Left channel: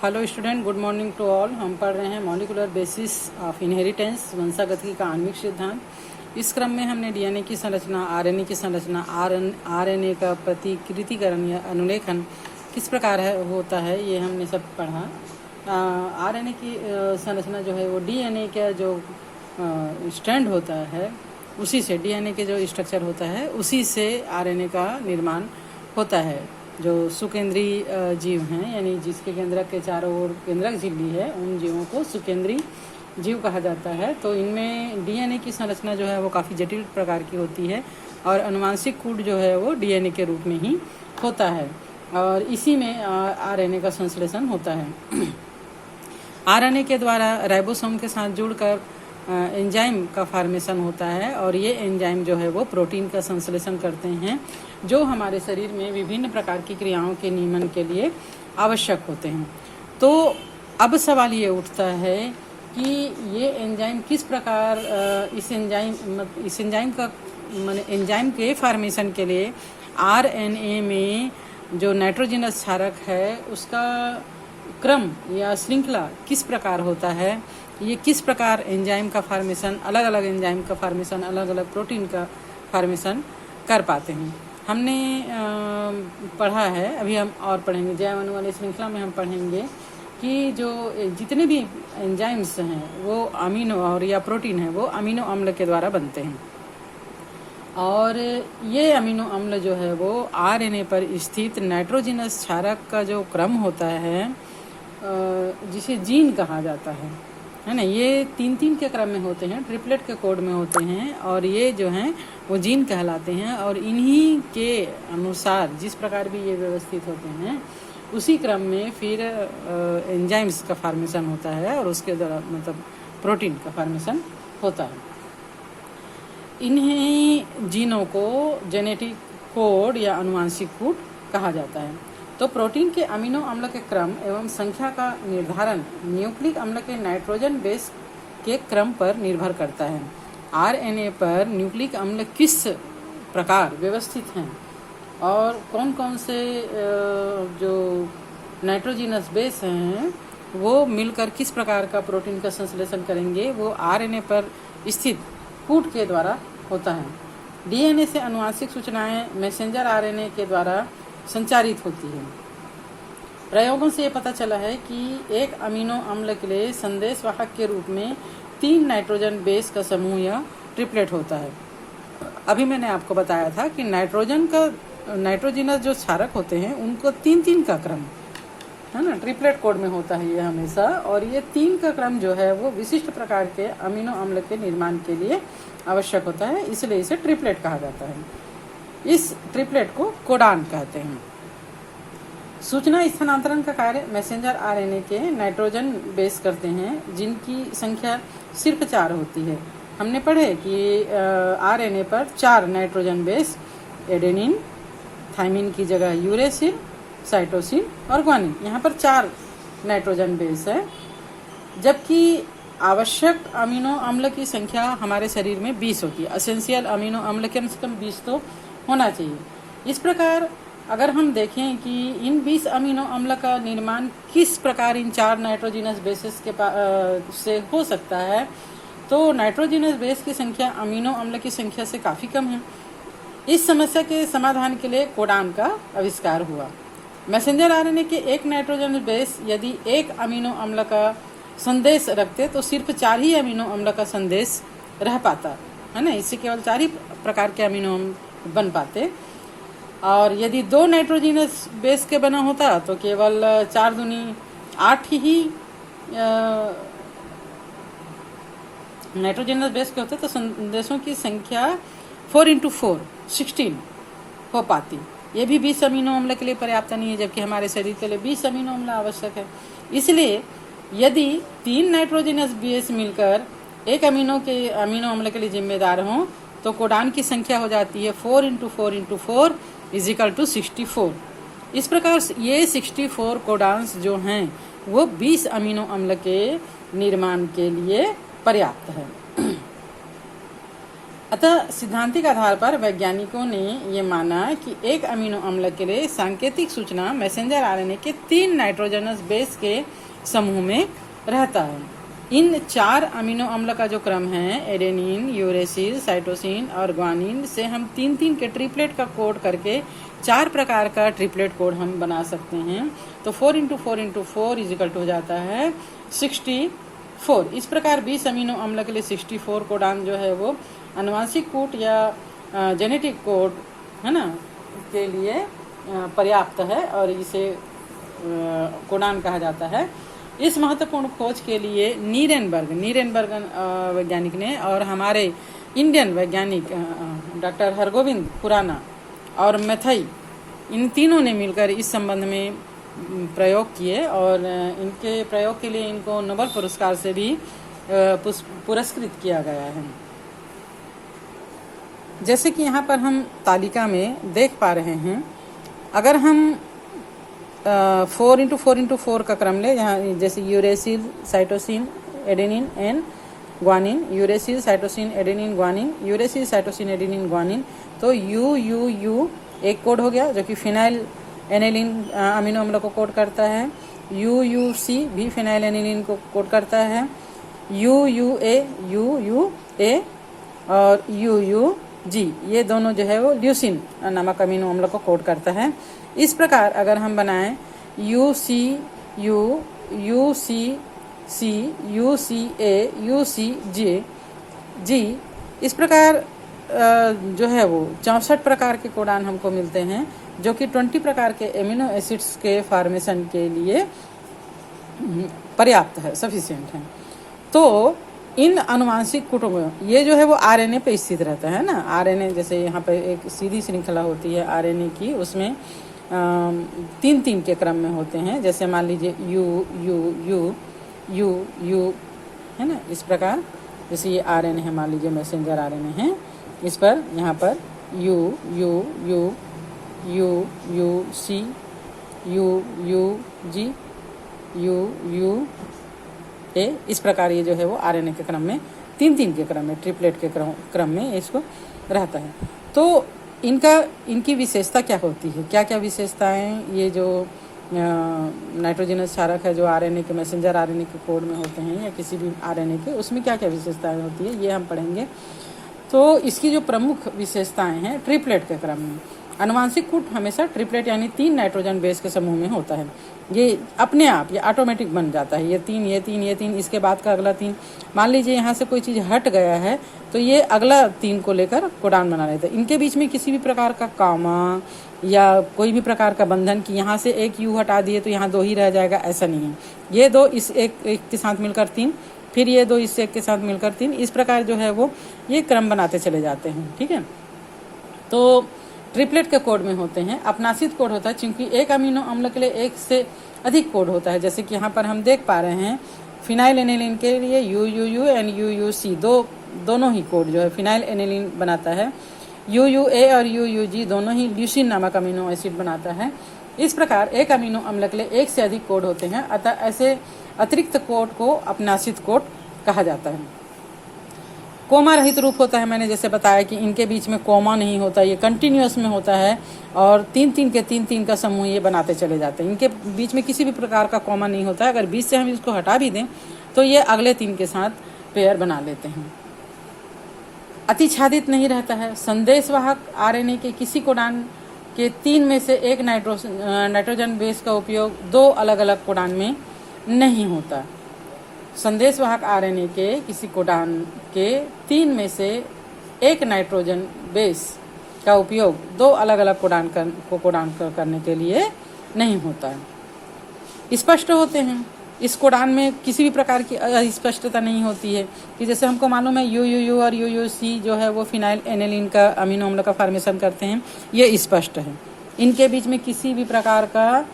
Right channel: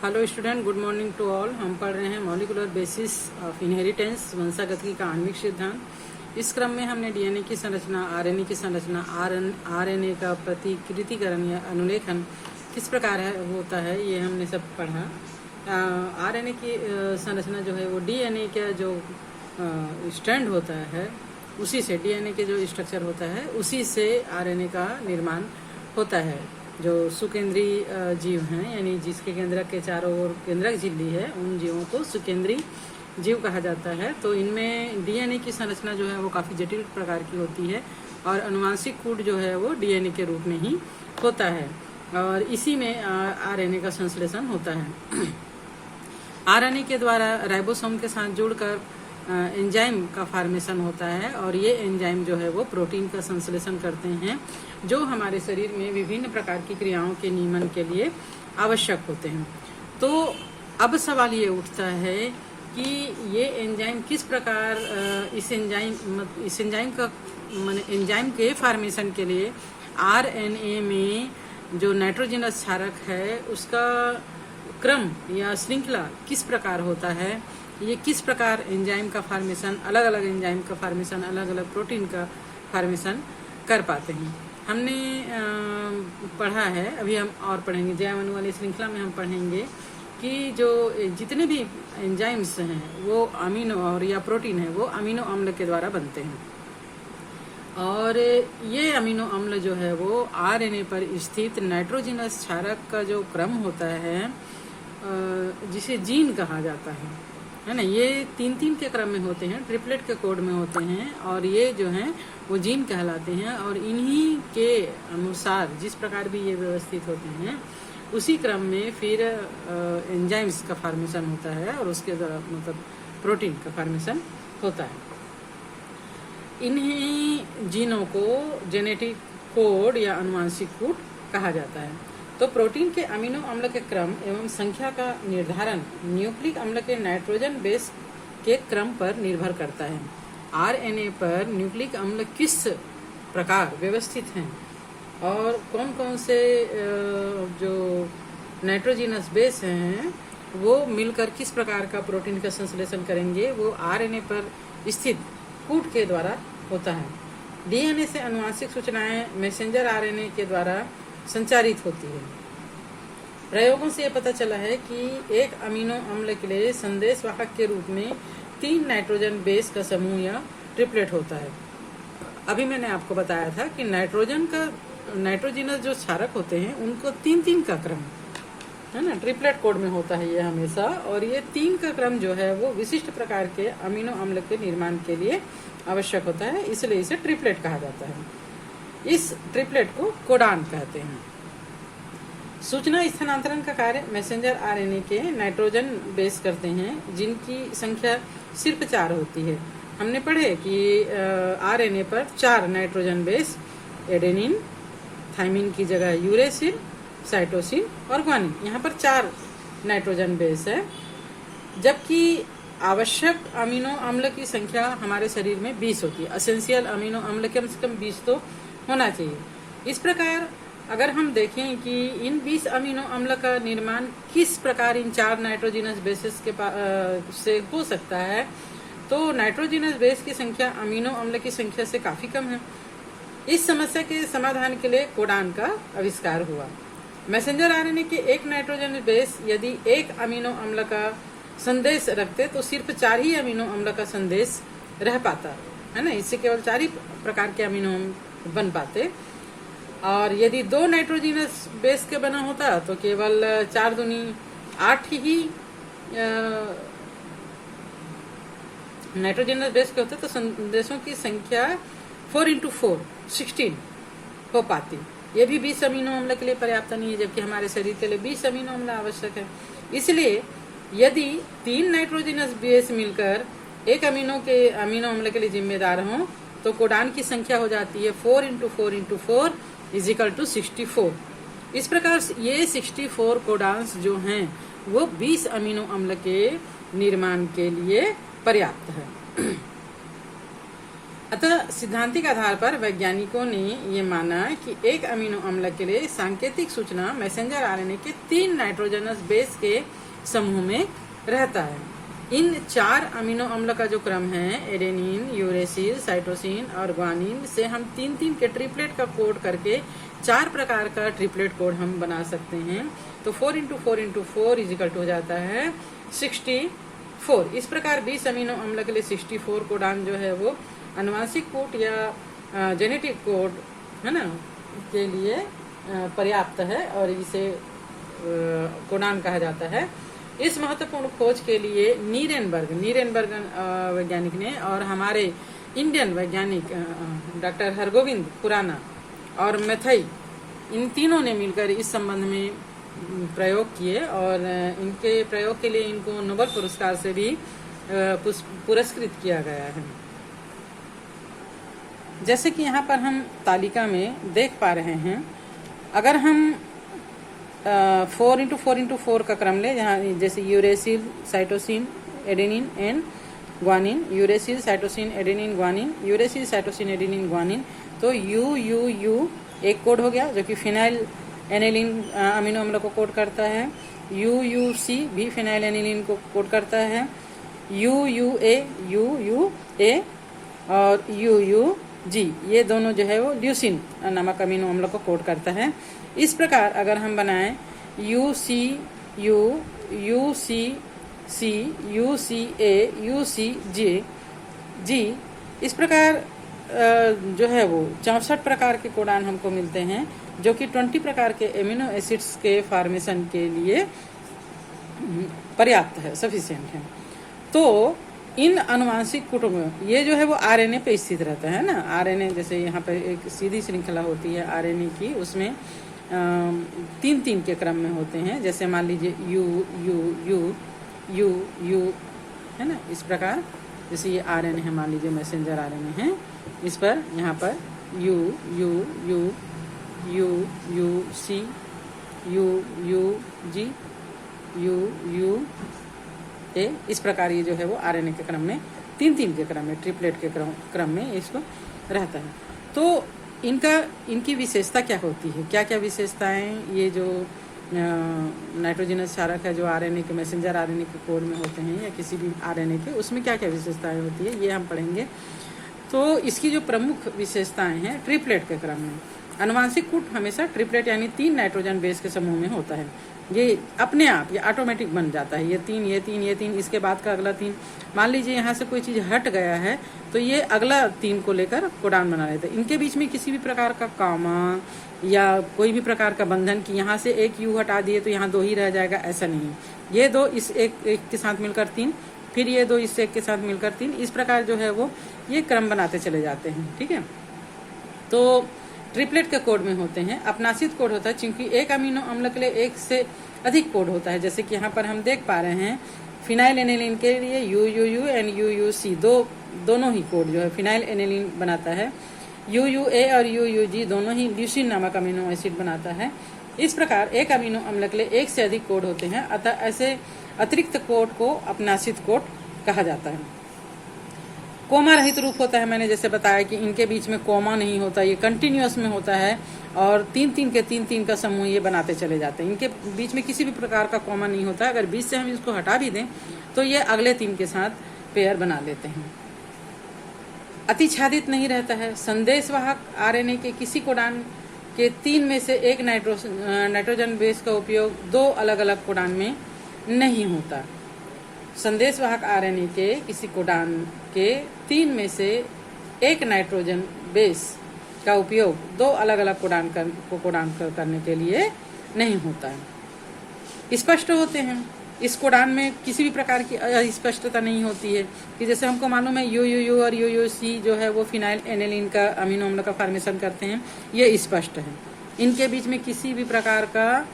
Hello student, good morning to all. हम पढ़ रहे हैं मॉलिकुलर बेसिस ऑफ इनहेरिटेंस, वंशागति का आणविक सिद्धांत। इस क्रम में हमने डीएनए की संरचना, आरएनए की संरचना, आरएनए का प्रतिकृतिकरण या अनुलेखन किस प्रकार होता है, ये हमने सब पढ़ा। आरएनए की संरचना जो है वो डीएनए का जो स्ट्रैंड होता है उसी से, डीएनए के जो स्ट्रक्चर होता है उसी से आरएनए का निर्माण होता है। जो सुकेंद्रीय जीव हैं, यानी जिसके केंद्रक के चारों ओर केंद्रक झिल्ली है, उन जीवों को सुकेंद्रीय जीव कहा जाता है। तो इनमें डीएनए की संरचना जो है वो काफ़ी जटिल प्रकार की होती है और अनुवांशिक कोड जो है वो डीएनए के रूप में ही होता है और इसी में आरएनए का संश्लेषण होता है। आरएनए के द्वारा राइबोसोम के साथ जुड़कर एंजाइम का फॉर्मेशन होता है और ये एंजाइम जो है वो प्रोटीन का संश्लेषण करते हैं जो हमारे शरीर में विभिन्न प्रकार की क्रियाओं के नियमन के लिए आवश्यक होते हैं। तो अब सवाल ये उठता है कि ये एंजाइम किस प्रकार इस एंजाइम के फॉर्मेशन के लिए आरएनए में जो नाइट्रोजनस क्षारक है उसका क्रम या श्रृंखला किस प्रकार होता है, ये किस प्रकार एंजाइम का फॉर्मेशन, अलग अलग एंजाइम का फॉर्मेशन, अलग अलग प्रोटीन का फॉर्मेशन कर पाते हैं, हमने पढ़ा है। अभी हम और पढ़ेंगे, जैव अणु वाली श्रृंखला में हम पढ़ेंगे कि जो जितने भी एंजाइम्स हैं वो अमीनो और या प्रोटीन है वो अमीनो अम्ल के द्वारा बनते हैं और ये अमीनो अम्ल जो है वो आरएनए पर स्थित नाइट्रोजनस क्षारक का जो क्रम होता है जिसे जीन कहा जाता है ना, ये तीन तीन के क्रम में होते हैं, ट्रिपलेट के कोड में होते हैं और ये जो हैं वो जीन कहलाते हैं और इन्हीं के अनुसार जिस प्रकार भी ये व्यवस्थित होते हैं उसी क्रम में फिर एंजाइम्स का फॉर्मेशन होता है और उसके द्वारा मतलब प्रोटीन का फॉर्मेशन होता है। इन्हीं जीनों को जेनेटिक कोड या अनुवांशिक कोड कहा जाता है। तो प्रोटीन के अमीनो अम्ल के क्रम एवं संख्या का निर्धारण न्यूक्लिक अम्ल के नाइट्रोजन बेस के क्रम पर निर्भर करता है। आरएनए पर न्यूक्लिक अम्ल किस प्रकार व्यवस्थित हैं और कौन कौन से जो नाइट्रोजनस बेस हैं वो मिलकर किस प्रकार का प्रोटीन का संश्लेषण करेंगे, वो आरएनए पर स्थित कूट के द्वारा होता है। डीएनए से अनुवांशिक सूचनाएं मैसेंजर आरएनए के द्वारा संचारित होती है। प्रयोगों से ये पता चला है कि एक अमीनो अम्ल के लिए संदेश वाहक के रूप में 3 नाइट्रोजन बेस का समूह या ट्रिपलेट होता है। अभी मैंने आपको बताया था कि नाइट्रोजनस जो क्षारक होते हैं उनको 3-3 का क्रम है ना, ट्रिपलेट कोड में होता है ये हमेशा, और ये 3 का क्रम जो है वो विशिष्ट प्रकार के अमीनो अम्ल के निर्माण के लिए आवश्यक होता है, इसलिए इसे ट्रिपलेट कहा जाता है। इस ट्रिपलेट को कोडान कहते हैं। सूचना स्थानांतरण का कार्य मैसेंजर आरएनए के नाइट्रोजन बेस करते हैं जिनकी संख्या सिर्फ 4 होती है। हमने पढ़े कि आरएनए पर 4 नाइट्रोजन बेस, एडेनिन, थाइमिन की जगह यूरेसिल, साइटोसिन और ग्वानिन, यहाँ पर 4 नाइट्रोजन बेस है, जबकि आवश्यक अमीनो अम्ल की संख्या हमारे शरीर में 20 होती है। एसेंशियल अमीनो अम्ल कम से कम 20 तो होना चाहिए। इस प्रकार अगर हम देखें कि इन 20 अमीनो अम्ल का निर्माण किस प्रकार इन 4 नाइट्रोजनस बेसेस के से हो सकता है, तो नाइट्रोजनस बेस की संख्या अमीनो अम्ल की संख्या से काफी कम है। इस समस्या के समाधान के लिए कोडान का आविष्कार हुआ। मैसेंजर आरएनए के एक नाइट्रोजन बेस यदि एक अमीनो अम्ल का संदेश रखते तो सिर्फ 4 ही अमीनो अम्ल का संदेश रह पाता है ना, इससे केवल 4 ही प्रकार के अमीनो अम्ल बन पाते, और यदि 2 नाइट्रोजनस बेस के बना होता तो केवल 4 दूनी 8 ही नाइट्रोजनस बेस के होते तो संदेशों की संख्या 4x4 16 हो पाती। ये भी 20 अमीनो अम्ल के लिए पर्याप्त नहीं है, जबकि हमारे शरीर के लिए 20 अमीनो अम्ल आवश्यक है। इसलिए यदि 3 नाइट्रोजनस बेस मिलकर एक अमीनो अम्ल के लिए जिम्मेदार हों तो कोडान की संख्या हो जाती है 4x4x4 = 64। इस प्रकार ये 64 कोडान्स जो हैं वो 20 अमीनो अम्ल के निर्माण के लिए पर्याप्त है। अतः सिद्धांतिक आधार पर वैज्ञानिकों ने ये माना कि एक अमीनो अम्ल के लिए सांकेतिक सूचना मैसेंजर आरएनए के 3 नाइट्रोजनस बेस के समूह में रहता है। इन 4 अमीनो अम्ल का जो क्रम है, एडेनिन, यूरेसिल, साइटोसिन और ग्वानिन, से हम 3-3 के ट्रिपलेट का कोड करके 4 प्रकार का ट्रिपलेट कोड हम बना सकते हैं। तो 4 × 4 × 4 इजिकल हो जाता है 64। इस प्रकार 20 अमीनो अम्ल के लिए 64 कोडान जो है वो आनुवांशिक कोड या जेनेटिक कोड है ना के लिए पर्याप्त है और इसे कोडान कहा जाता है। इस महत्वपूर्ण खोज के लिए नीरेनबर्ग वैज्ञानिक ने और हमारे इंडियन वैज्ञानिक डॉक्टर हरगोविंद खुराना और मैथई, इन तीनों ने मिलकर इस संबंध में प्रयोग किए और इनके प्रयोग के लिए इनको नोबेल पुरस्कार से भी पुरस्कृत किया गया है। जैसे कि यहाँ पर हम तालिका में देख पा रहे हैं, अगर हम 4 × 4 × 4 का क्रम ले, जहाँ जैसे uracil, cytosine, adenine and guanine, uracil, cytosine, adenine, guanine, uracil, cytosine, adenine, guanine, तो यू एक कोड हो गया जो कि फिनाइल एनेलिन अमीनो अम्ल को कोड करता है। यूसी भी फिनाइल एनेलिन को कोड करता है। यूए और यूजी ये दोनों जो है वो ल्यूसिन नामक अमीनो अम्ल को कोड करता है। इस प्रकार अगर हम बनाएं यूसीयू, यूसीसी, यूसीए, यूसीजी, इस प्रकार जो है वो 64 प्रकार के कोडान हमको मिलते हैं जो कि 20 प्रकार के एमिनो एसिड्स के फॉर्मेशन के लिए पर्याप्त है, सफिशिएंट है। तो इन अनुवांशिक कोडों में ये जो है वो आरएनए पे स्थित रहता है ना। आरएनए जैसे यहाँ पे एक सीधी श्रृंखला होती है आरएनए की, उसमें 3-3 के क्रम में होते हैं। जैसे मान लीजिए यू है ना, इस प्रकार। जैसे ये आरएनए है, मान लीजिए मैसेंजर आरएनए है, इस पर यहाँ पर U C, U G, U A, इस प्रकार ये जो है वो आरएनए के क्रम में 3-3 के क्रम में, ट्रिपलेट के क्रम में इसको रहता है। तो इनकी विशेषता क्या होती है, क्या क्या विशेषताएं ये जो नाइट्रोजनस क्षारक है जो आरएनए के मैसेंजर आरएनए के कोड में होते हैं या किसी भी आरएनए के, उसमें क्या क्या विशेषताएं होती है ये हम पढ़ेंगे। तो इसकी जो प्रमुख विशेषताएं हैं, ट्रिपलेट के क्रम में आनुवांशिक कोड हमेशा ट्रिपलेट यानी 3 नाइट्रोजन बेस के समूह में होता है। ये अपने आप, ये ऑटोमेटिक बन जाता है। ये तीन, इसके बाद का अगला 3। मान लीजिए यहाँ से कोई चीज हट गया है तो ये अगला 3 को लेकर कोडान बना लेते हैं। इनके बीच में किसी भी प्रकार का कॉमा या कोई भी प्रकार का बंधन कि यहाँ से एक यू हटा दिए तो यहाँ 2 ही रह जाएगा, ऐसा नहीं है। ये 2 इस एक के साथ मिलकर 3, फिर ये 2 इस एक के साथ मिलकर 3, इस प्रकार जो है वो ये क्रम बनाते चले जाते हैं। ठीक है, तो ट्रिपलेट के कोड में होते हैं। अपनाशित कोड होता है क्योंकि एक अमीनो अम्ल के लिए एक से अधिक कोड होता है। जैसे कि यहाँ पर हम देख पा रहे हैं फिनाइल एनेलिन के लिए यू एंड यूसी दोनों ही कोड जो है फिनाइल एनेलिन बनाता है। यूए और यूजी दोनों ही ल्यूसिन नामक अमीनो एसिड बनाता है। इस प्रकार एक अमीनो अम्ल के लिए एक से अधिक कोड होते हैं, अतः ऐसे अतिरिक्त कोड को अपनाशित कोड कहा जाता है। कोमा रहित रूप होता है, मैंने जैसे बताया कि इनके बीच में कोमा नहीं होता, ये कंटिन्यूअस में होता है और 3-3 का समूह ये बनाते चले जाते हैं। इनके बीच में किसी भी प्रकार का कोमा नहीं होता है। अगर बीच से हम इसको हटा भी दें तो ये अगले 3 के साथ पेयर बना लेते हैं। अतिच्छादित नहीं रहता है। संदेशवाहक आरएनए के किसी कोडान के 3 में से एक नाइट्रोजन बेस का उपयोग 2 अलग अलग कोडान में नहीं होता। संदेशवाहक आरएनए के किसी कोडान के 3 में से एक नाइट्रोजन बेस का उपयोग 2 अलग अलग कोडान करने के लिए नहीं होता है। स्पष्ट होते हैं। इस कोडान में किसी भी प्रकार की अस्पष्टता नहीं होती है कि जैसे हमको मालूम है यू और यूसी जो है वो फिनाइल एनेलिन का अमीनो अम्ल का फॉर्मेशन करते हैं, ये स्पष्ट है। इनके बीच में किसी भी प्रकार का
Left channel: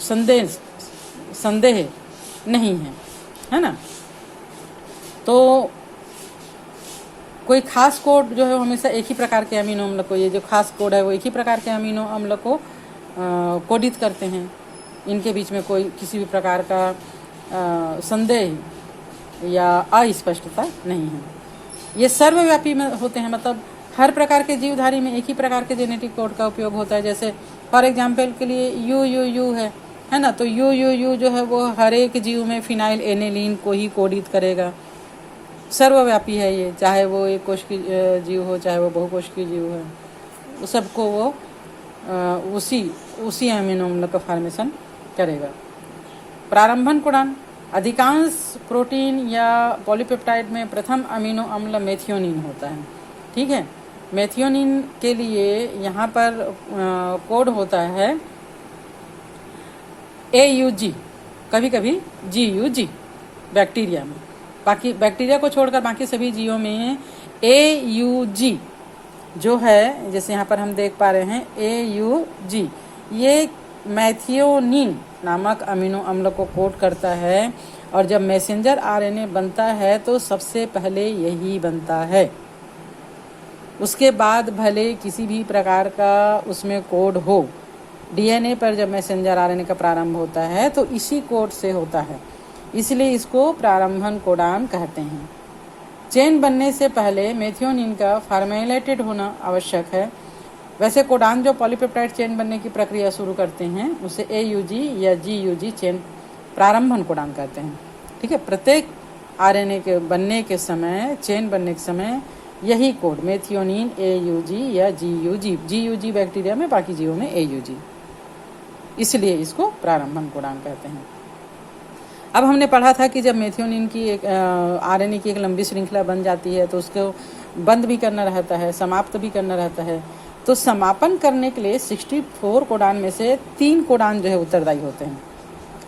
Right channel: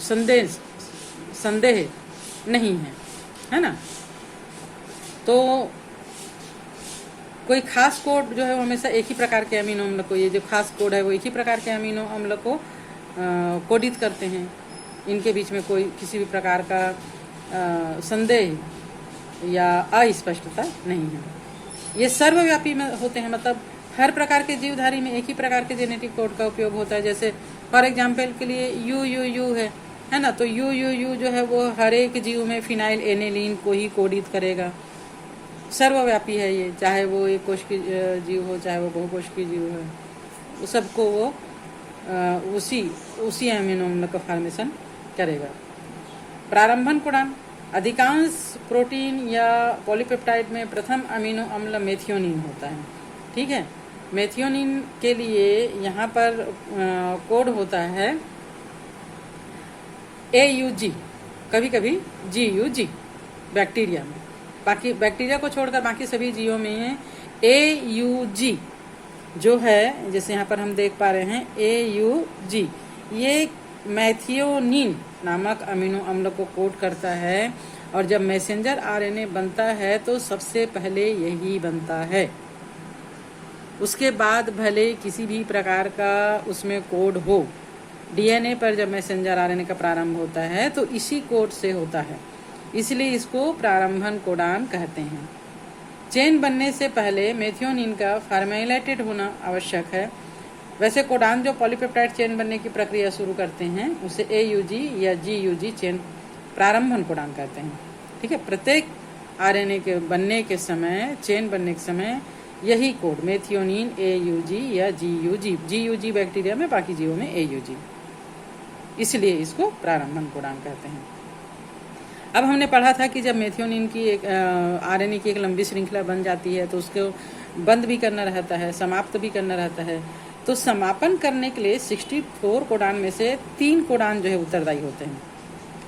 संदेह नहीं है ना। तो कोई खास कोड जो है वो हमेशा एक ही प्रकार के अमीनो अम्ल को, ये जो खास कोड है वो एक ही प्रकार के अमीनो अम्ल को कोडित करते हैं। इनके बीच में कोई किसी भी प्रकार का संदेह या अस्पष्टता नहीं है। ये सर्वव्यापी में होते हैं, मतलब हर प्रकार के जीवधारी में एक ही प्रकार के जेनेटिक कोड का उपयोग होता है। जैसे फॉर एग्जाम्पल के लिए यू है ना, तो यू जो है वो हर एक जीव में फिनाइल एनेलिन को ही कोडित करेगा। सर्वव्यापी है ये, चाहे वो एक कोश की जीव हो, चाहे वो बहुकोश की जीव है, वो सबको वो उसी अमीनो अम्ल का फॉर्मेशन करेगा। प्रारंभन कोडान, अधिकांश प्रोटीन या पॉलीपेप्टाइड में प्रथम अमीनो अम्ल मेथियोनिन होता है। ठीक है, मेथियोनिन के लिए यहाँ पर कोड होता है AUG, कभी कभी GUG बैक्टीरिया में, बाकी बैक्टीरिया को छोड़कर बाकी सभी जीवों में AUG जो है, जैसे यहाँ पर हम देख पा रहे हैं AUG, ये मैथियोनिन नामक अमीनो अम्ल को कोड करता है। और जब मैसेंजर RNA बनता है तो सबसे पहले यही बनता है। उसके बाद भले किसी भी प्रकार का उसमें कोड हो, DNA पर जब मैसेंजर RNA का प्रारंभ होता है तो इसी कोड से होता है, इसलिए इसको प्रारंभन कोडान कहते हैं। चेन बनने से पहले मेथियोनिन का फॉर्मेलाइटेड होना आवश्यक है। वैसे कोडान जो पॉलीपेप्टाइड चेन बनने की प्रक्रिया शुरू करते हैं उसे AUG या GUG चेन प्रारंभन कोडान कहते हैं। ठीक है, प्रत्येक RNA के बनने के समय, चेन बनने के समय यही कोड मेथियोनिन AUG या GUG बैक्टीरिया में, बाकी जीवों में AUG, इसलिए इसको प्रारंभन कोडान कहते हैं। अब हमने पढ़ा था कि जब मेथियोनिन की एक RNA की एक लंबी श्रृंखला बन जाती है तो उसको बंद भी करना रहता है, समाप्त भी करना रहता है। तो समापन करने के लिए 64 कोडान में से 3 कोडान जो है उत्तरदायी होते हैं।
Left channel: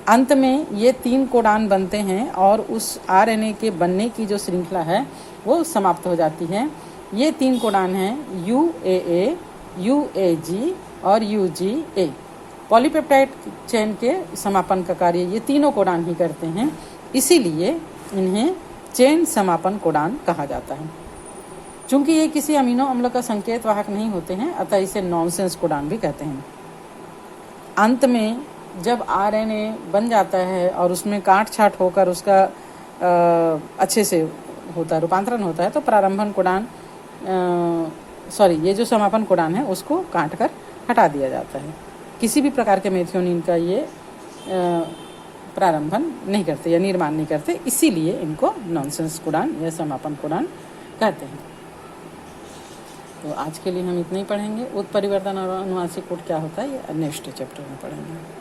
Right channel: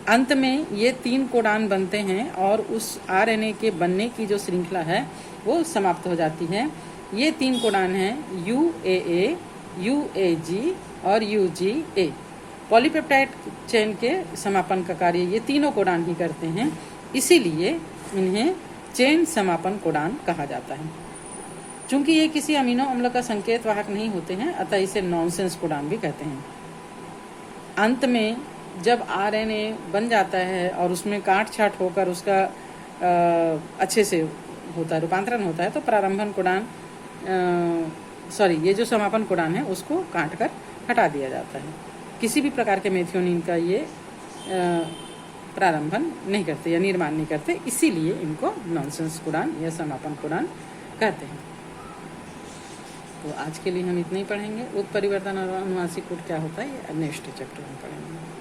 अंत में ये 3 कोडान बनते हैं और उस RNA के बनने की जो श्रृंखला है वो समाप्त हो जाती है। ये 3 कोडान हैं UAA, UAG और UGA। पॉलीपेप्टाइड चेन के समापन का कार्य ये तीनों कोडान ही करते हैं, इसीलिए इन्हें चेन समापन कोडान कहा जाता है। चूंकि ये किसी अमीनो अम्ल का संकेत वाहक नहीं होते हैं, अतः इसे नॉनसेंस कोडान भी कहते हैं। अंत में जब RNA बन जाता है और उसमें काट छाट होकर उसका अच्छे से होता है, रूपांतरण होता है, तो प्रारंभन कोडान ये जो समापन कोडान है उसको काट कर हटा दिया जाता है। किसी भी प्रकार के मेथियोनिन का ये प्रारंभन नहीं करते या निर्माण नहीं करते, इसीलिए इनको नॉनसेंस कोडान या समापन कोडान कहते हैं। तो आज के लिए हम इतना ही पढ़ेंगे। उत्परिवर्तन और अनुवांशिक कोड क्या होता है ये नेक्स्ट चैप्टर में पढ़ेंगे।